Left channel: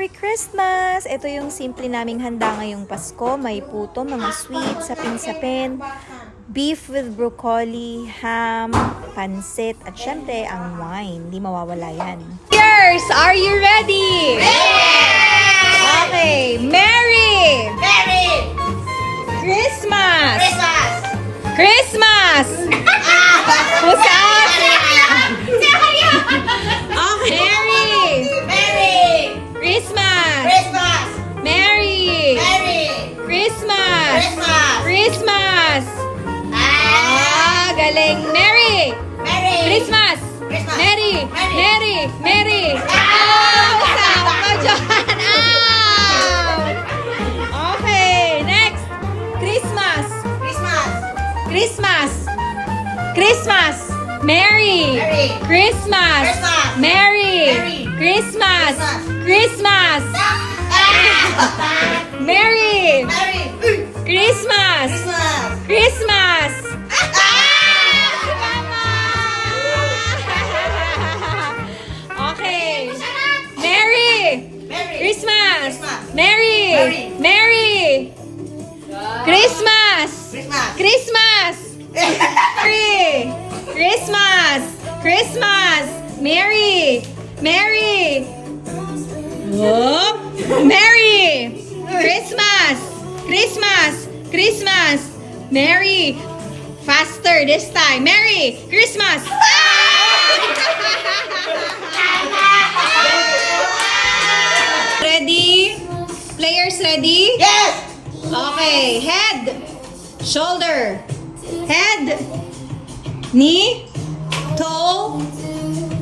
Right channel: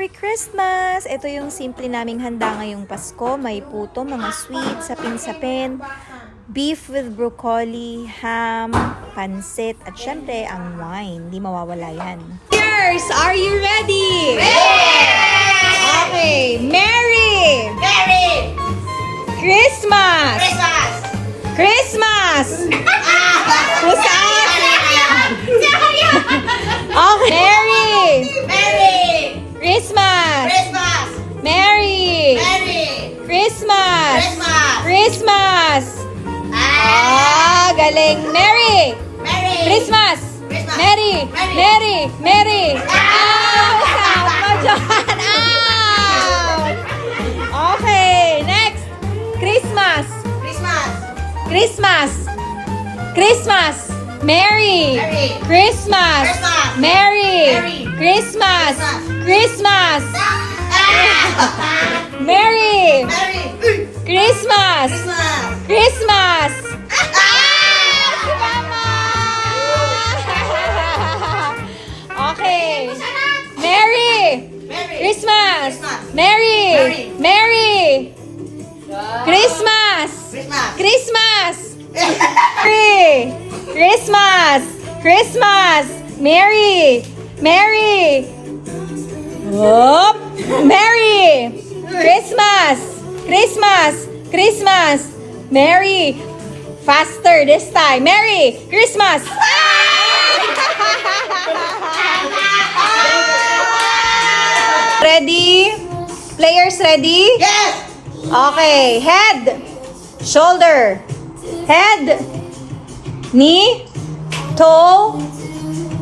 Merry Christmas! Ito yung simple naming handa ngayong Pasko. May puto, mga sweets, sapin-sapin, beef with broccoli, ham, pansit, at syempre ang wine. Di mawawala yan. Cheers! Are you ready? Okay, Merry! Merry Christmas! Christmas! Christmas! Who's that? Okay, Merry! Merry Christmas! Christmas! Merry! Merry Christmas! Christmas! Christmas! Galing! Merry! Merry Christmas! Christmas! Merry! Merry! Merry! Out! Madyan! Out! Okay, next! Christmas! Christmas! Christmas! Christmas! Merry! Merry Christmas! Christmas! Merry! Merry Christmas! Christmas! Christmas! Merry! Merry Christmas! Christmas! Christmas! Okay. Merry! Merry Christmas! Christmas! Merry! Merry! Christmas! Christmas! Christmas! Merry! Christmas! Christmas! Merry! Merry! Whoop! Merry! Christmas! Christmas! Christmas! Merry! Faster this time! Merry! Christmas! Ready? Players ready? Yes! Okay, head, shoulder, head, knee, toe,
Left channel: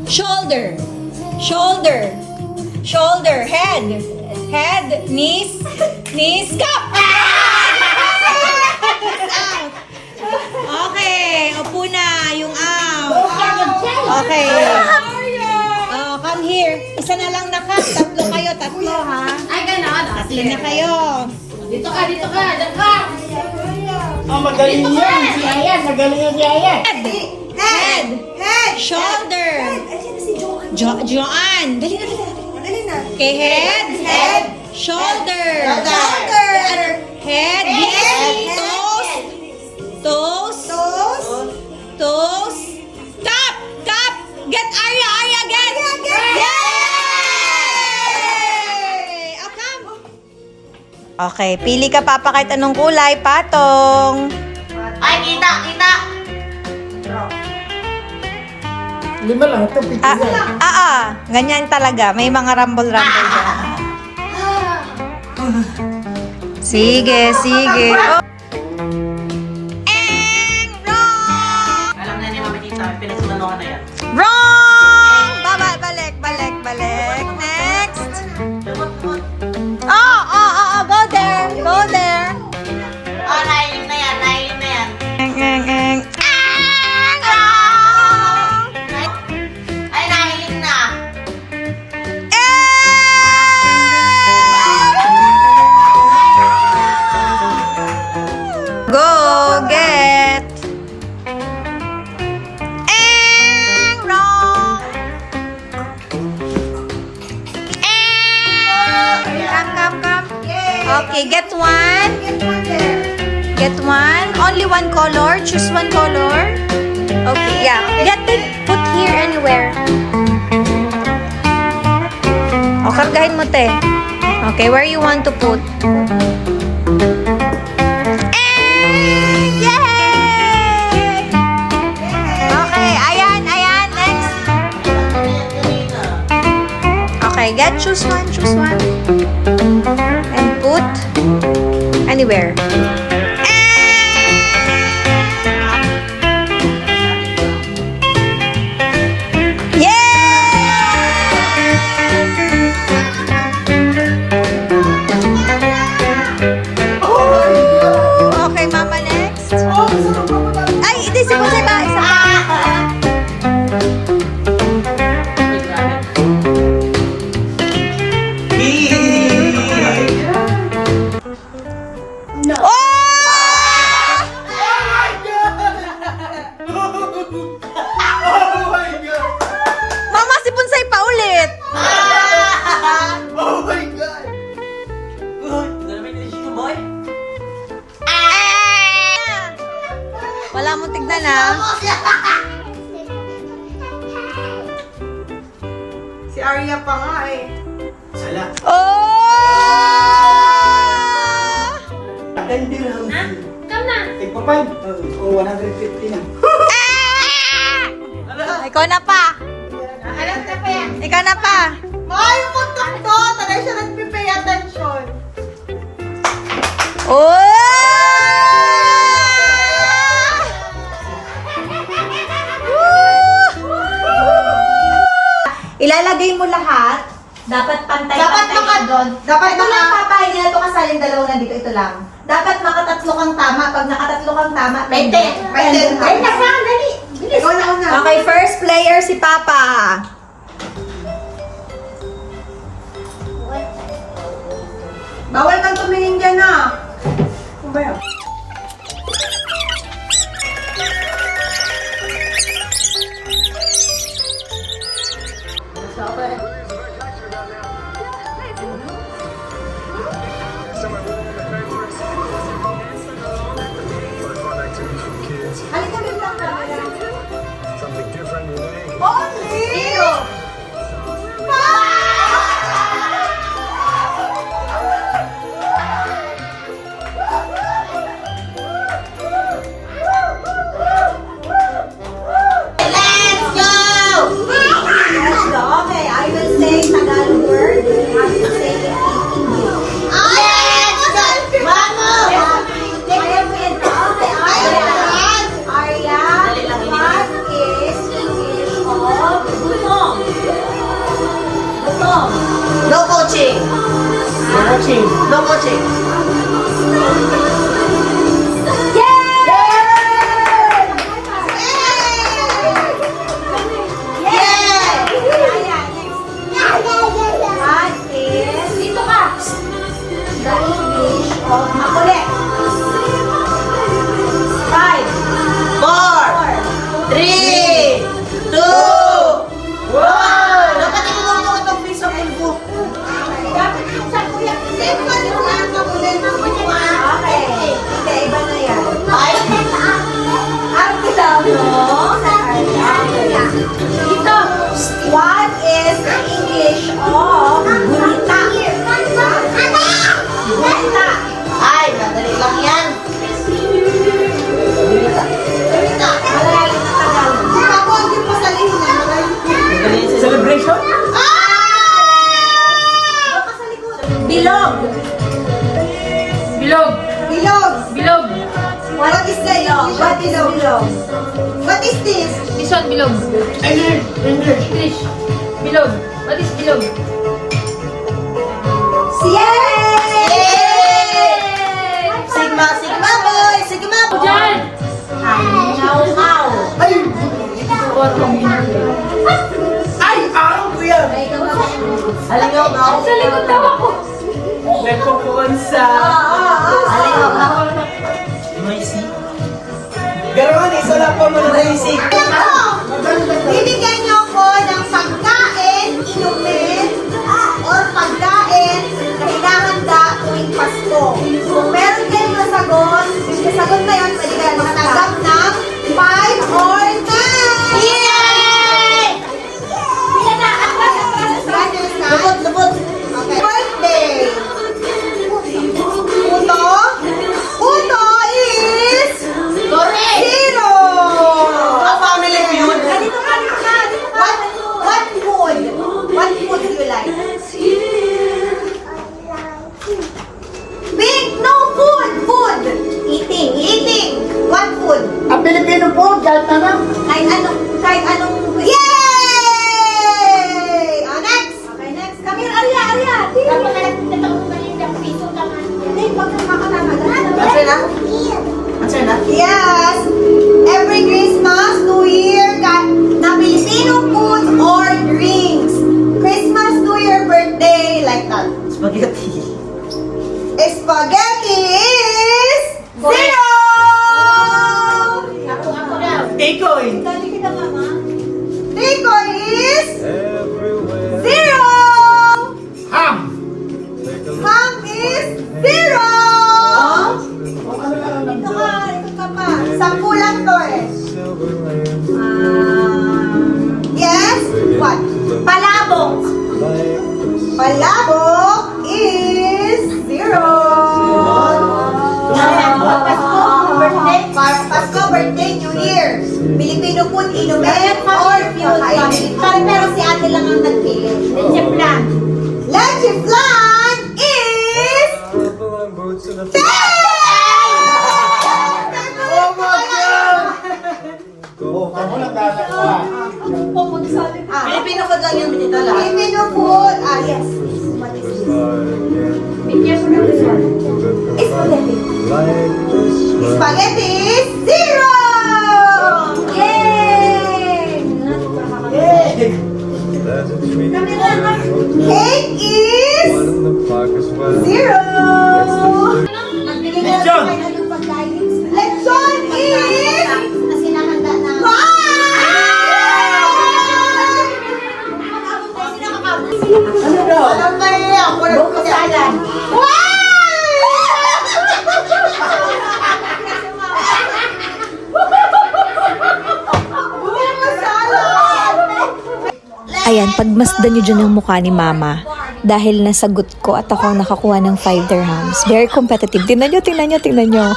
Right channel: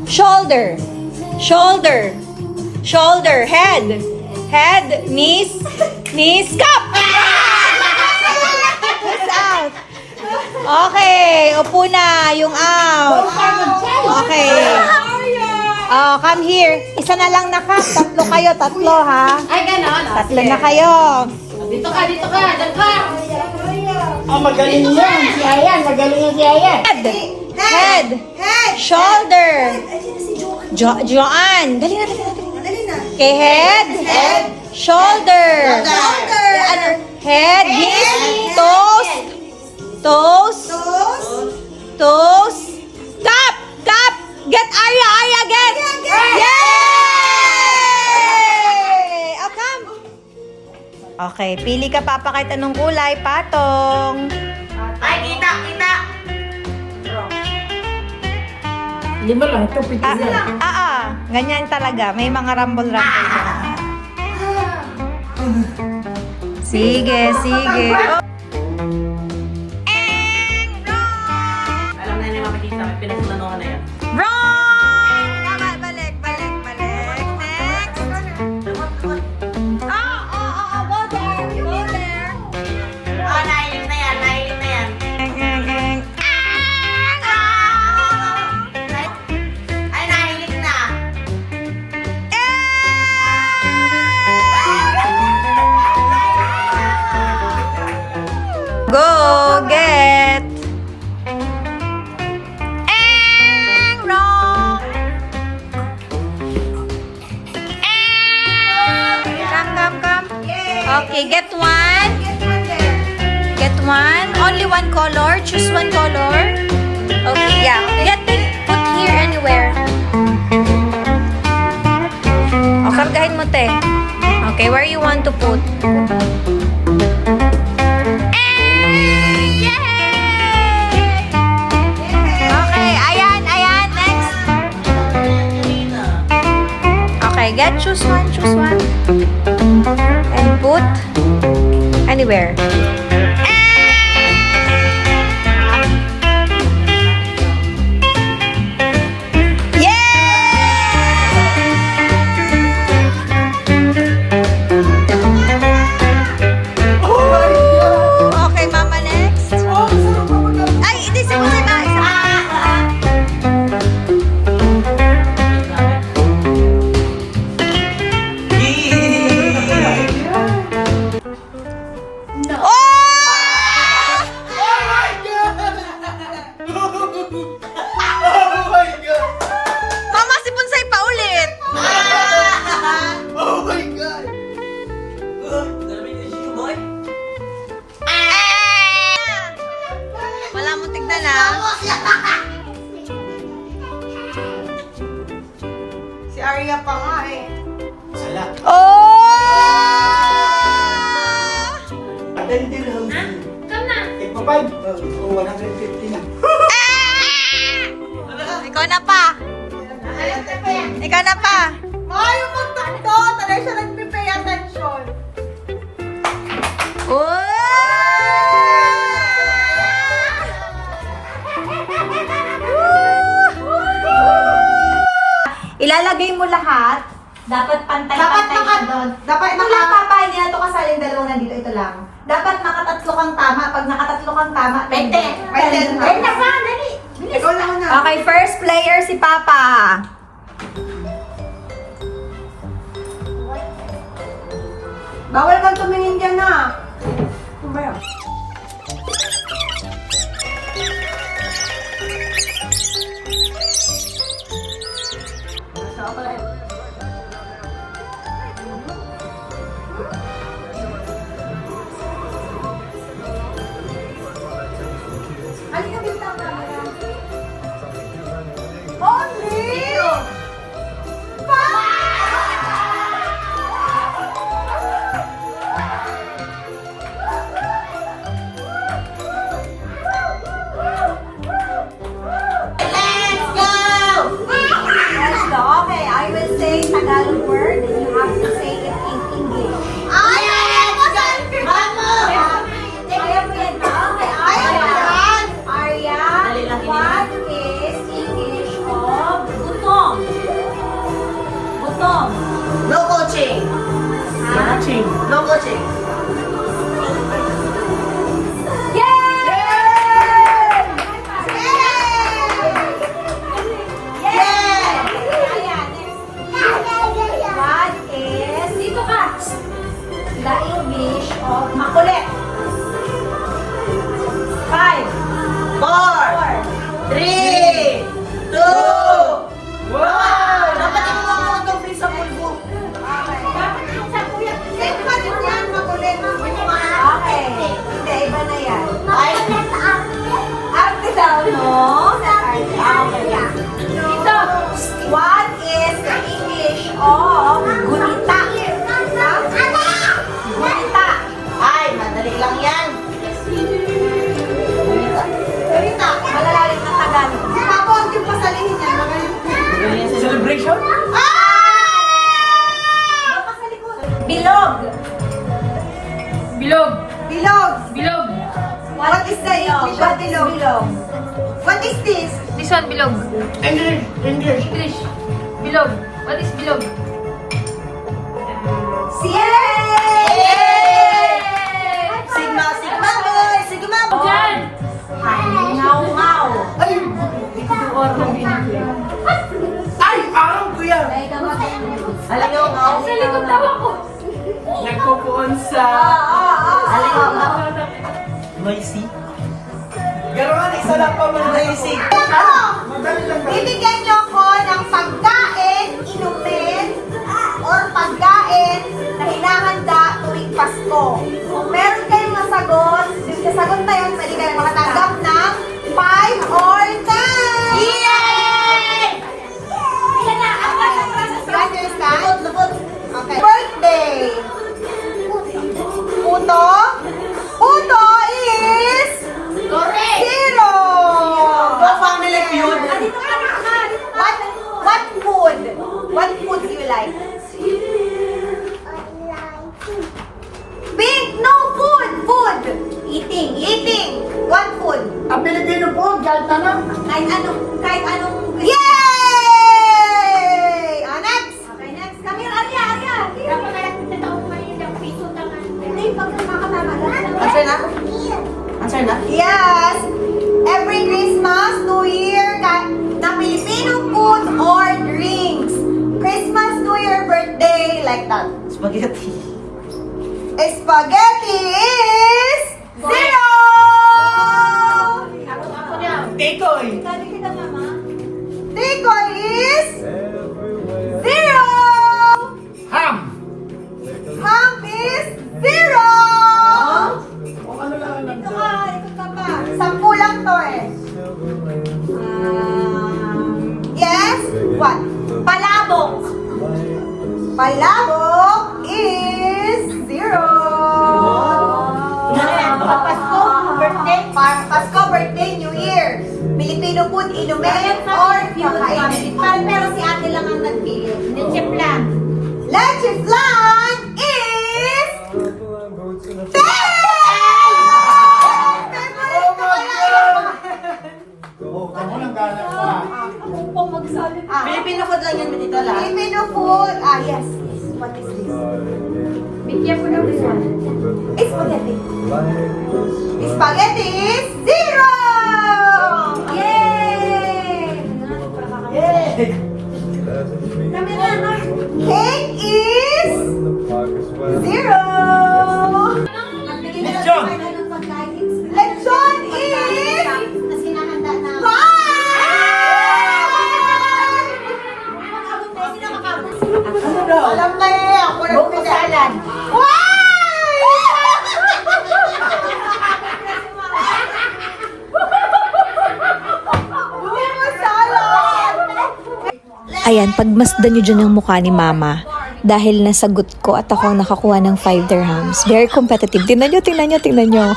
shoulder, shoulder, shoulder, head, knees, cup! Out. Okay, upo na yung out. Okay. Oh, come here. Isa na lang na cup. Tatlo kayo, tatlo ha. Ay, ganon. Tatlo na kayo. Dito ka, dito ka. Dito ka. Magaling yan. Si Ayan, magaling yan si Ayan. Head, shoulder, Joanne. Dali na, dali na, dali na. Okay, head, shoulder, head, knees, toes, cup, get Arya, get. Yay! Oh, come. Okay, pili ka papa kahit anong kulay, patong. Ay, kita, kita. Lima lang, ito pito yan. Ganyan talaga. May mga rumble-rumble dyan. Sige, sige. Oh. Wrong! Alam na niya mga kita. Pinasunan na yan. Wrong! Balik. Next. Oh. Go there. Oh, nailim na yan. Wrong! Ay, nailim na. Go get. Wrong. Come. Okay, get one. Get one. Only one color. Choose one color. Okay, yeah. Get it. Put here anywhere. O, kargahin mo, te. Okay, where you want to put? Yay! Okay, ayan. Next. Okay, choose one. And put anywhere. Okay, mama, next. Ay, hindi sa Oh! 105 o 150 na. Ikaw na pa. Ikaw na pa. Ay, yung muntok to. Tagay siya nag-pay attention. Oh! Ilalagay mo lahat. Dapat pantay-pantay siya doon. Dapat Ito lang, Papa, hindi na ito kasali yung dalawa nandito. Ito lang. Dapat makatatlo kang tama. Pag nakatatlo kang tama, May 10. May 10. Ay, naka, dali. Ikaw na una. Okay, first player si Papa. Bawal kang tumingin dyan na. Ano ba yan? Let's go! Let's go. Okay, I will say Tagalog word. You have to say it in English. Let's go! Mama! Arya, what is English of gutom? Gutom. No coaching. No coaching. What is dito ka? The English of makulit? 5, 4, 3, 2, 1. Dapat ikaw itong piece of info. Okay. Hindi, iba na yan. Ay, Arte lang, no? Okay. Dito. What is the English of gunita? Gunita. ay, madali lang yan. Malayalim na Tagalog. Celebration? Bilog. Bilog. Bilog. Bilog. What is bilog? What is bilog? What is this? This one, bilog. English. English. Bilog. What is bilog? Yay! Sigma, sigma, boy. Sigma. Diyan! Ngaw-ngaw. Ay! Ay! Araw ko yan! Alingaw-ngaw. Sa likod daw ako. Nagkukunsa. Ngaw-ngaw. Noisy. Gano'n, isa lang pa mo na noisy. Bibigyan niyo ako ng pagkain, inumin, or pagkain na hinahanda tuwing Pasko. Kung meron kayong nasagot, yung nasagot na yun, pwede kayo makatanggap ng 5 or 10! Yay! Lubot. Okay. Birthday! Puto? Puto is... Correct! Zero! inumin or kakainin. Pero si ate lang ang nagpili. Leche flan. Leche flan is... 10! Oh my God! Oh, kamu lang galang ka. Filipino food lang yan, Manita lang. Filipino food. Ah, yes. What is this? Bigyan ko ng result. Spaghetti. Spaghetti is 0! Yay! Yay! Cake is 0! Lechon! Lechon is... Kasi nahanda na. 5! Alam na nila. Buko salad. Ayan, pagmasdan nyo dyan yung mukha ni Mama. Dahil nasagot ko at ako ang nakakuha ng 5 dirhams. Very competitive. Tingnan nyo, tingnan nyo, tingnan nyo.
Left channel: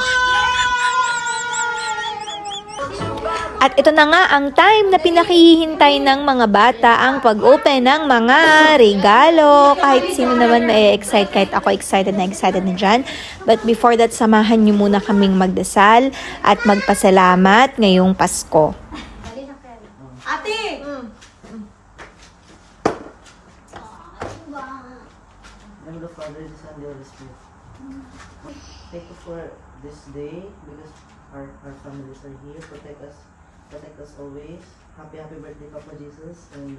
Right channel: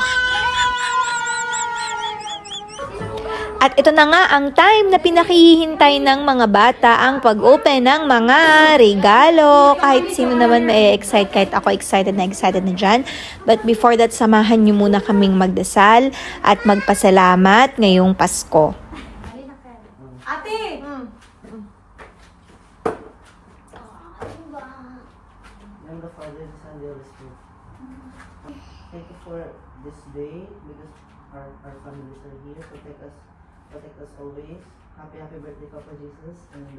At ito na nga ang time na pinakihintay ng mga bata ang pag-open ng mga regalo. Kahit sino naman ma-excite, kahit ako excited na dyan. But before that, samahan nyo muna kaming magdasal at magpasalamat ngayong Pasko. Ate! And the Father, the Son, and the Holy Spirit. Thank you for this day because our families are here. Protect us always. Happy birthday, Papa Jesus. And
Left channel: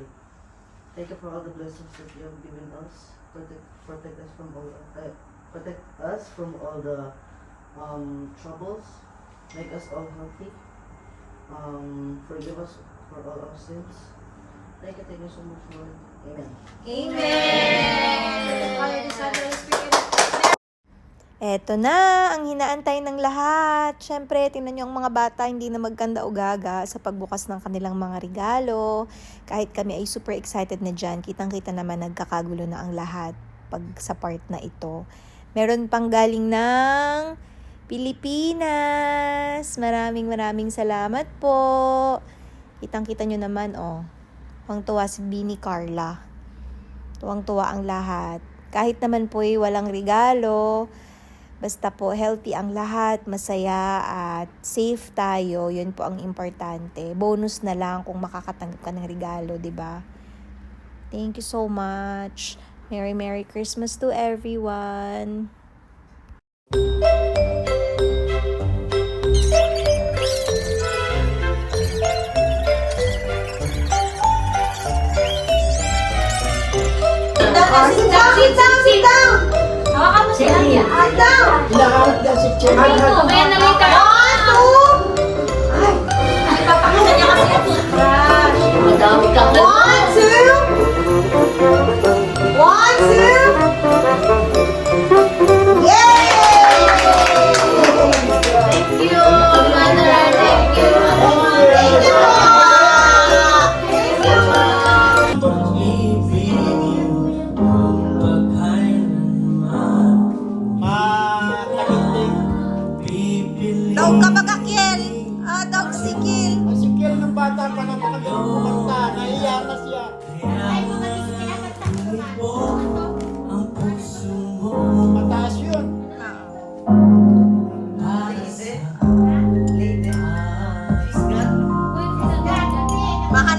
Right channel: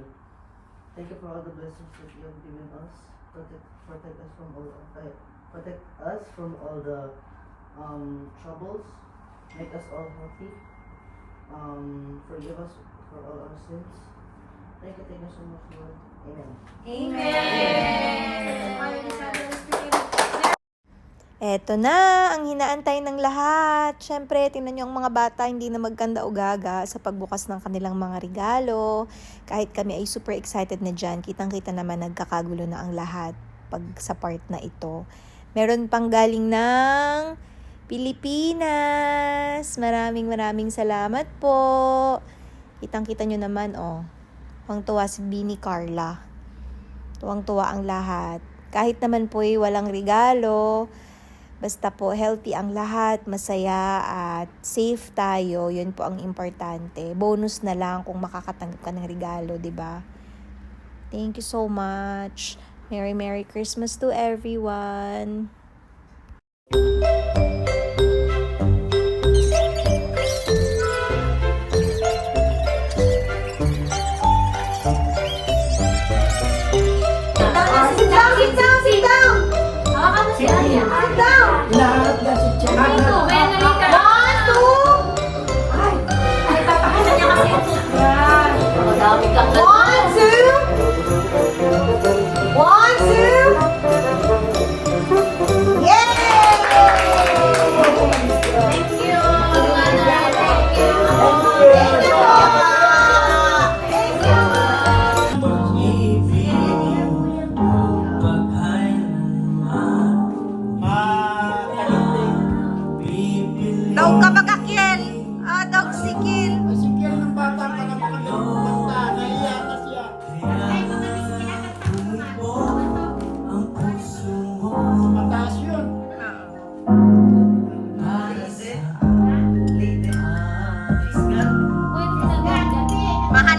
thank you for all the blessings that you have given us. Protect us from all the troubles. Make us all healthy. Forgive us for all our sins. Thank you so much, Lord. Amen. Eto na, ang hinaantay ng lahat. Siyempre, tingnan nyo ang mga bata, hindi na magkanda o gaga sa pagbukas ng kanilang mga regalo. Kahit kami ay super excited na dyan, kitang-kita naman nagkakagulo na ang lahat pag sa part na ito. Meron pang galing ng Pilipinas. Maraming salamat po. Kitang-kita nyo naman, oh. Tuwang-tuwa si Bini Carla. Tuwang-tuwa ang lahat. Kahit naman po ay walang regalo, basta po healthy ang lahat, masaya at safe tayo, yun po ang importante. Bonus na lang kung makakatanggap ka ng regalo, di ba? Thank you so much. Merry Christmas to everyone. Sit down! Hawakan mo si Alia. Sit down! Hinahanap niya si Chairman. Ito, kaya nalita. 1, 2! Ay! Ay, papakita niya kasi yung toothbrush. Madami ka. 1, 2! 1, 2! Yay! Thank you, Mother. Thank you. Thank you! Daog ka mag-akyel. Daog sikil. Masikil ng bata pa na makapagpunta. Nahiya na siya. Mataas yun. Baka